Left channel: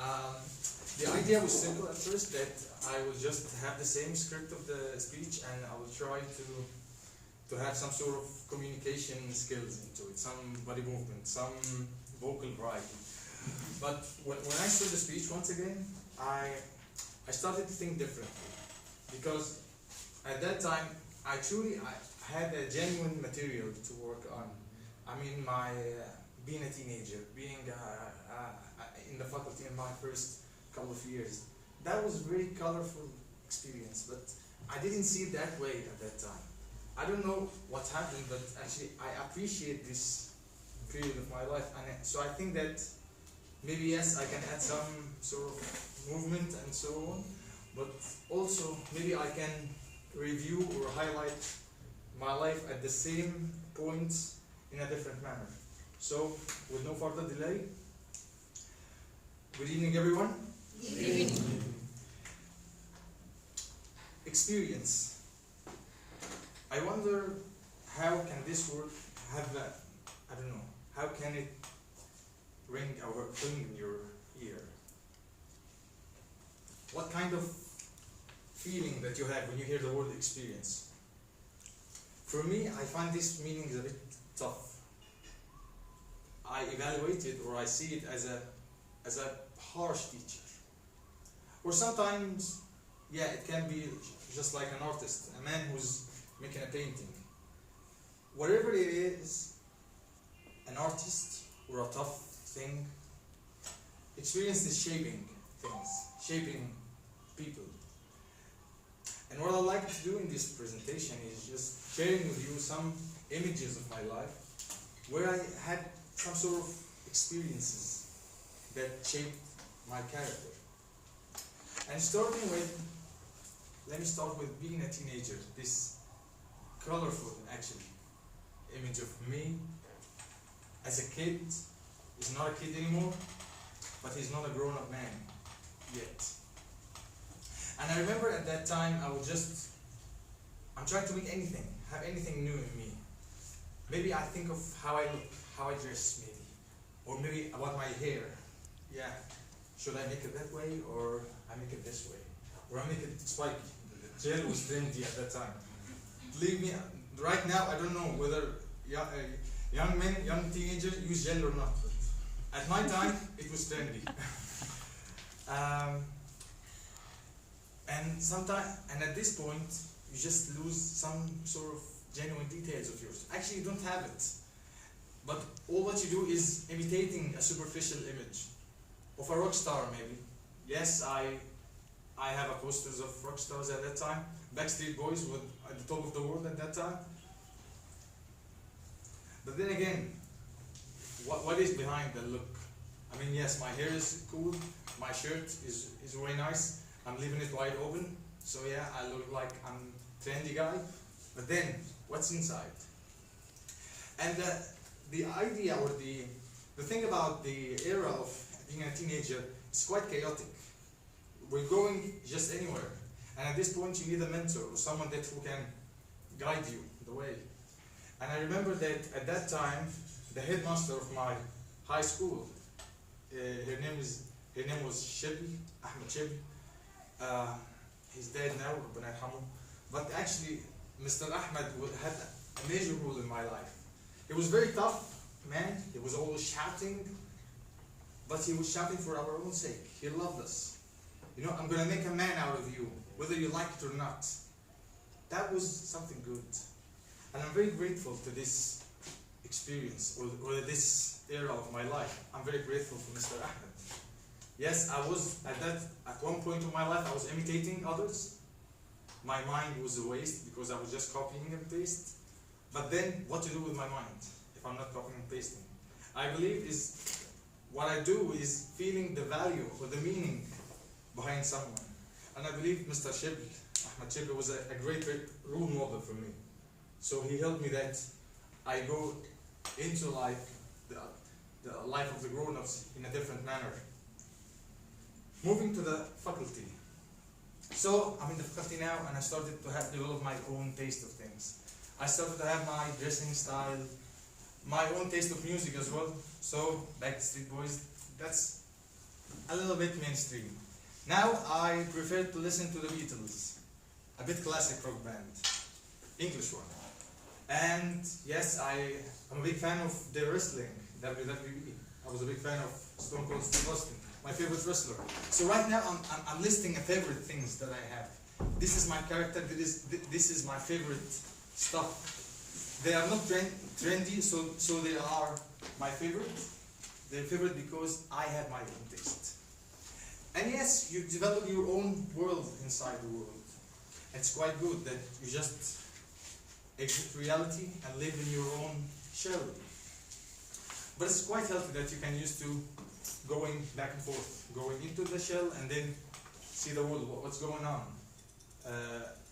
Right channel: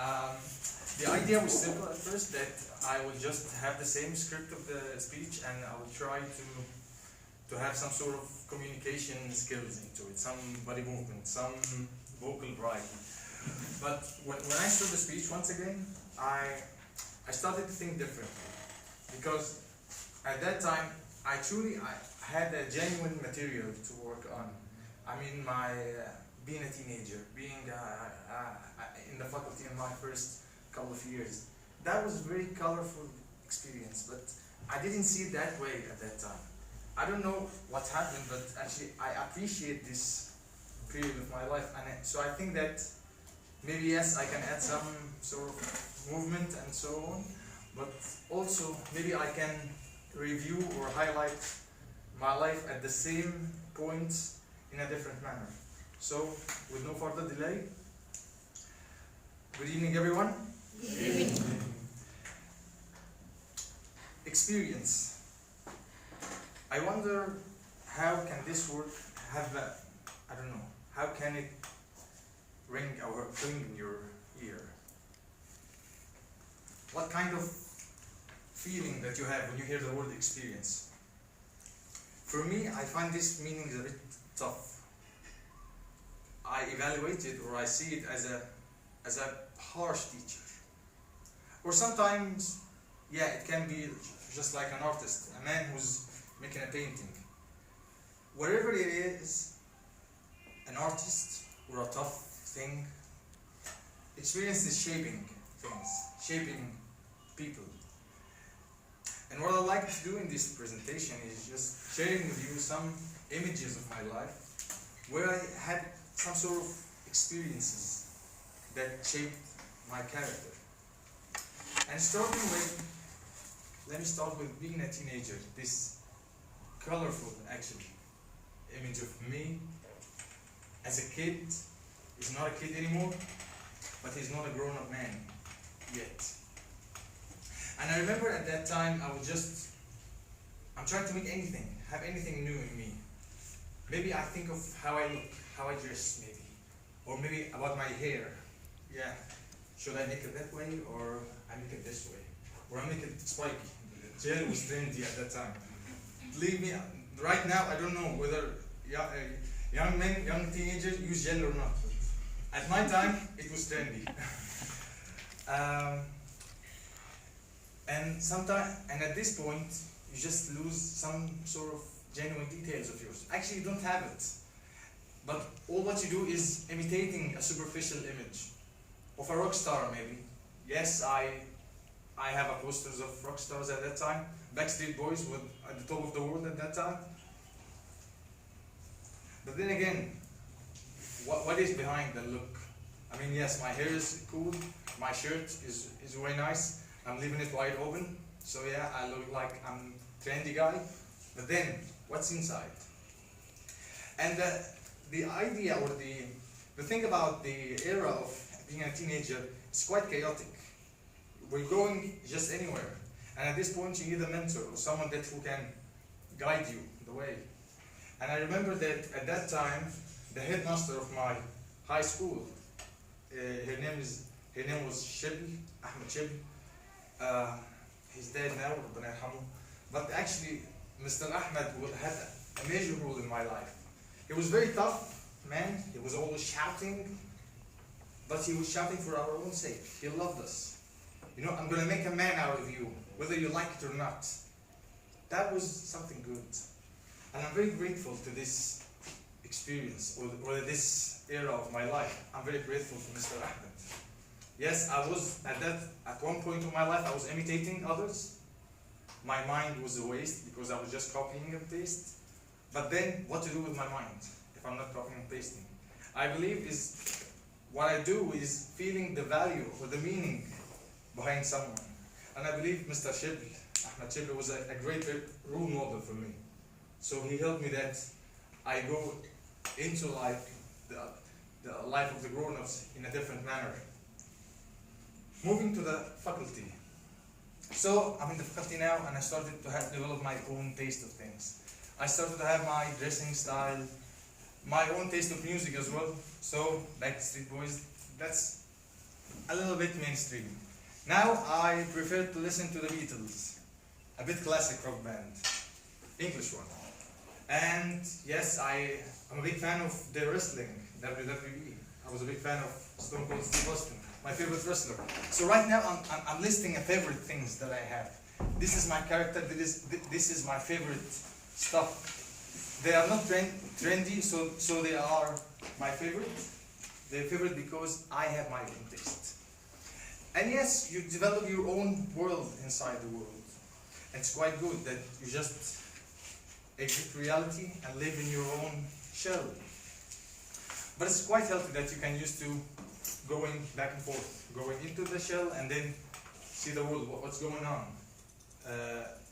Um, the idea was simple at first, that I would just have the same script of the speech and I would try to have some sort of communication skills into it, some body movement, some vocal variety. But when I saw the speech once again, I started to think differently, because at that time I had a genuine material to work on. I mean, being a teenager, being in the faculty in my first couple of years, that was a very colorful experience, but I didn't see it that way at that time. I don't know what happened, but actually I appreciate this period of my life, and so I think that maybe yes, I can add some sort of movement and so on, but also maybe I can review or highlight my life at the same point in a different manner. So, with no further delay, good evening everyone. Good evening. Experience. I wonder how can this word have I don't know, how can it ring in your ear? What kind of feeling that you have when you hear the word experience? For me, I find this meaning a bit tough. I evaluate it, or I see it as a harsh teacher. Or sometimes, yeah, it can be just like an artist, a man who's making a painting. Whatever it is, an artist or a tough thing, experience is shaping things, shaping people. And what I'd like to do in this presentation is just sharing with you some images of my life where I had some sort of experiences that shaped my character. And let me start with being a teenager, this colorful, actually, image of me as a kid. He's not a kid anymore, but he's not a grown-up man yet. And I remember at that time, I'm trying to make have anything new in me. Maybe I think of how I look, how I dress maybe, or maybe about my hair. Yeah, should I make it that way, or I make it this way, or I make it spiky? Gel was trendy at that time. Believe me, right now I don't know whether young teenagers use gel or not. At my time, it was trendy. And at this point, you just lose some sort of genuine details of yours. Actually, you don't have it. But all what you do is imitating a superficial image of a rock star, maybe. Yes, I have a posters of rock stars at that time. Backstreet Boys were at the top of the world at that time. But then again, what is behind the look? I mean, yes, my hair is cool, my shirt is very nice, I'm leaving it wide open, so yeah, I look like I'm a trendy guy. But then, what's inside? And the idea or the thing about the era of being a teenager is quite chaotic. We're going just anywhere, and at this point you need a mentor or someone who can guide you the way. And I remember that at that time, the headmaster of my high school, her name was Shibli, Ahmed Shibli. He's dead now, Rabbana yarhamu. But actually, Mr. Ahmed had a major role in my life. He was very tough, man. He was always shouting, but he was shouting for our own sake. He loved us. You know, I'm going to make a man out of you, whether you like it or not. That was something good. And I'm very grateful to this experience, or this era of my life. I'm very grateful for Mr. Ahmed. Yes, I was at one point of my life, I was imitating others. My mind was a waste because I was just copying and pasting. But then, what to do with my mind if I'm not copying and pasting? I believe what I do is feeling the value or the meaning behind someone. And I believe Mr. Shibli, Ahmed Shibli, was a great role model for me. So he helped me that I go into life, the life of the grown-ups in a different manner. Moving to the faculty. So I'm in the faculty now, and I started to develop my own taste of things. I started to have my dressing style, my own taste of music as well. So Backstreet Boys, that's a little bit mainstream. Now I prefer to listen to the Beatles, a bit classic rock band, English one. And yes, I'm a big fan of their wrestling, WWE. I was a big fan of Stone Cold Steve Austin, my favorite wrestler. So right now I'm listing a favorite things that I have. This is my character, this is my favorite stuff. They are not trendy, so they are my favorite. They're favorite because I have my own taste. And yes, you develop your own world inside the world. It's quite good that you just exit reality and live in your own shell. But it's quite healthy that you can use to going back and forth, going into the shell and then see the world, what's going on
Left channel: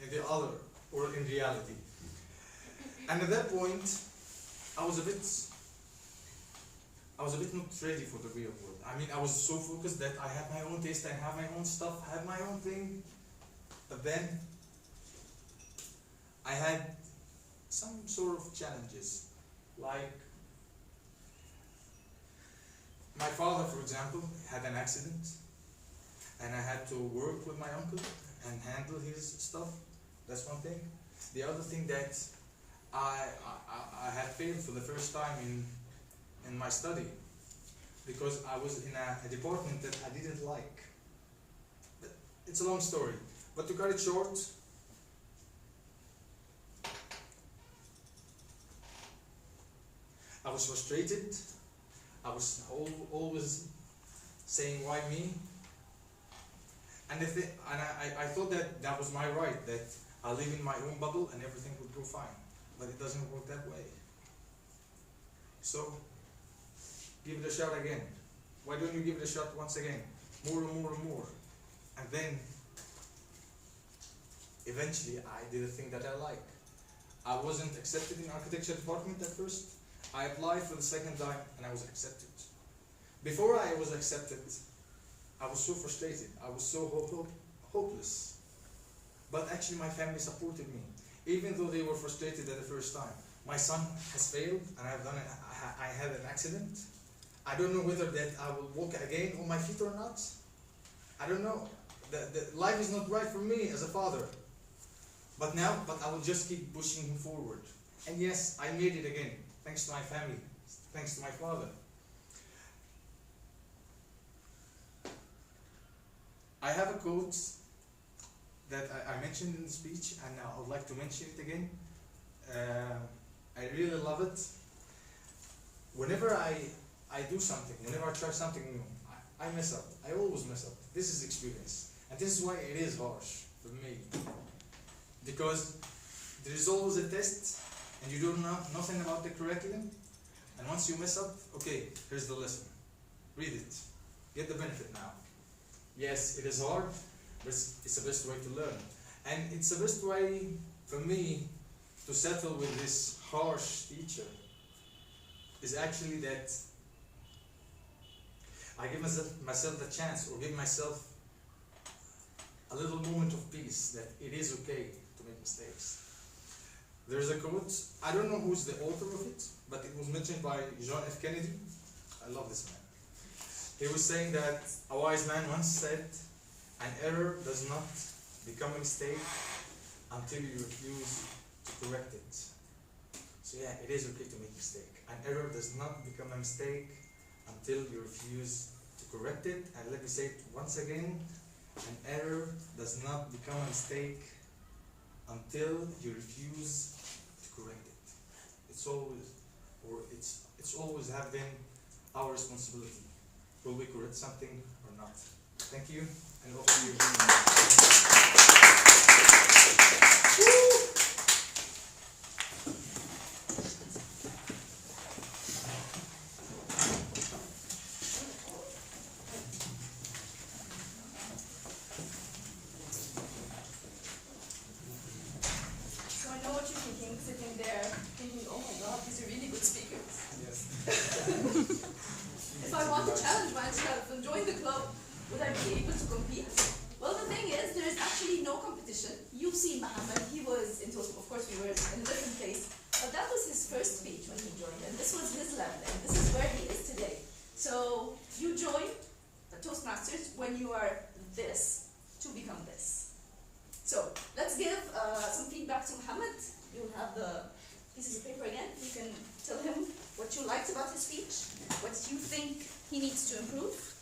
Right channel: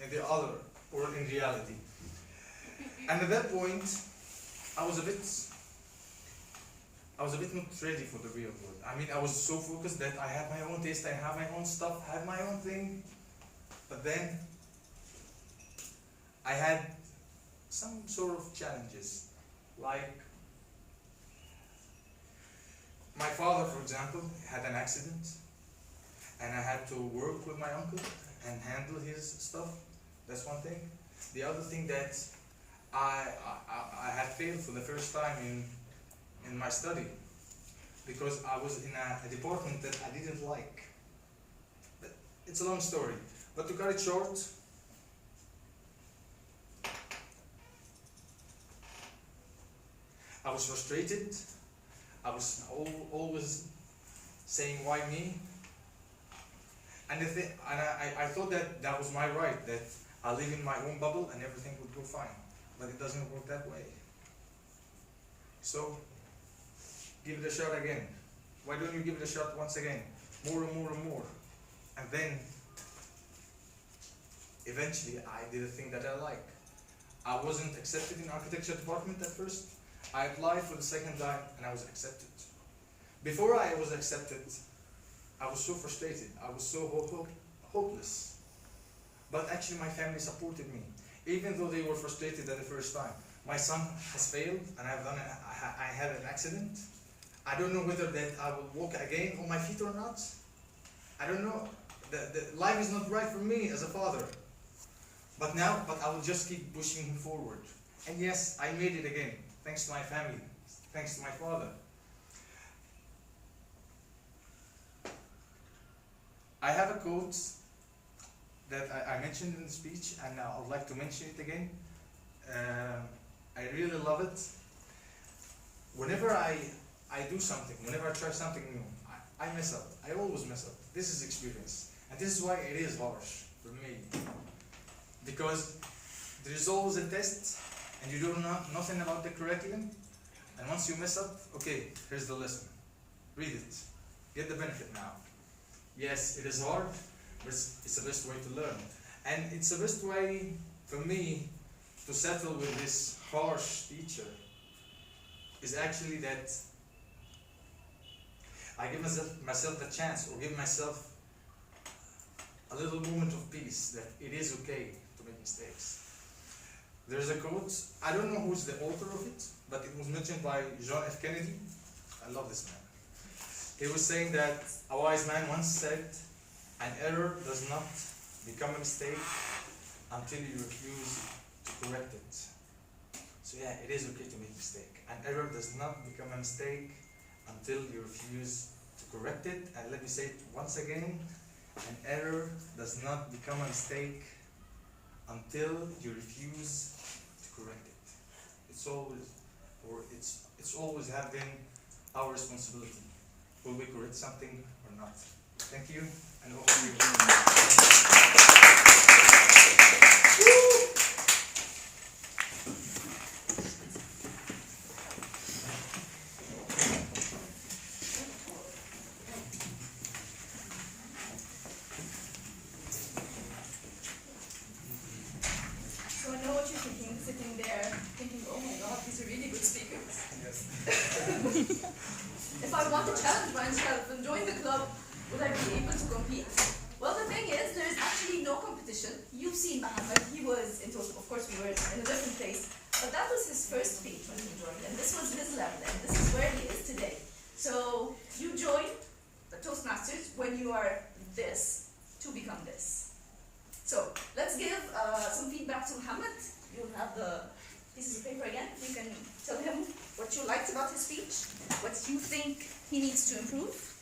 in the other or in reality. And at that point, I was a bit not ready for the real world. I mean, I was so focused that I had my own taste, I have my own stuff, I have my own thing. But then I had some sort of challenges, like my father, for example, had an accident, and I had to work with my uncle and handle his stuff. That's one thing. The other thing that I had failed for the first time in my study because I was in a department that I didn't like. But it's a long story, but to cut it short, I was frustrated. I was always saying, why me? And I thought that was my right, that I live in my own bubble and everything would go fine. But it doesn't work that way. So, give it a shot again. Why don't you give it a shot once again? More and more and more. And then, eventually, I did a thing that I like. I wasn't accepted in architecture department at first. I applied for the second time and I was accepted. Before I was accepted, I was so frustrated. I was so hopeless. But actually my family supported me, even though they were frustrated at the first time. My son has failed and I had an accident. I don't know whether that I will walk again on my feet or not. I don't know. The life is not right for me as a father. But I will just keep pushing him forward. And yes, I made it again, thanks to my family, thanks to my father. I have a quote that I mentioned in the speech, and I would like to mention it again. I really love it. Whenever I do something, whenever I try something new, I mess up. I always mess up. This is experience. And this is why it is harsh for me. Because there is always a test, and you don't know nothing about the curriculum. And once you mess up, okay, here's the lesson. Read it. Get the benefit now. Yes, it is hard, but it's the best way to learn. And it's the best way for me to settle with this harsh teacher is actually that I give myself the chance, or give myself a little moment of peace that it is okay to make mistakes. There's a quote, I don't know who's the author of it, but it was mentioned by John F. Kennedy. I love this man. He was saying that a wise man once said, an error does not become a mistake until you refuse to correct it. So yeah, it is okay to make a mistake. An error does not become a mistake until you refuse to correct it. And let me say it once again, an error does not become a mistake until you refuse to correct it. It's always have been our responsibility. Will we correct something or not? Thank you, and over to you. So I know what you're thinking, sitting there, thinking, oh my God, these are really good speakers. Yes. If I want to challenge myself and join the club, would I be able to compete? Well, the thing is, there is actually no competition. You've seen Mohamed, he was into, of course, we were in a different place, but that was his first speech when he joined, and this was his level, and this is where he is today. So, you join, but Toastmasters when you are this to become this. So let's give some feedback to Mohamed. You'll have the pieces of paper again. You can tell him what you liked about his speech, what you think he needs to improve.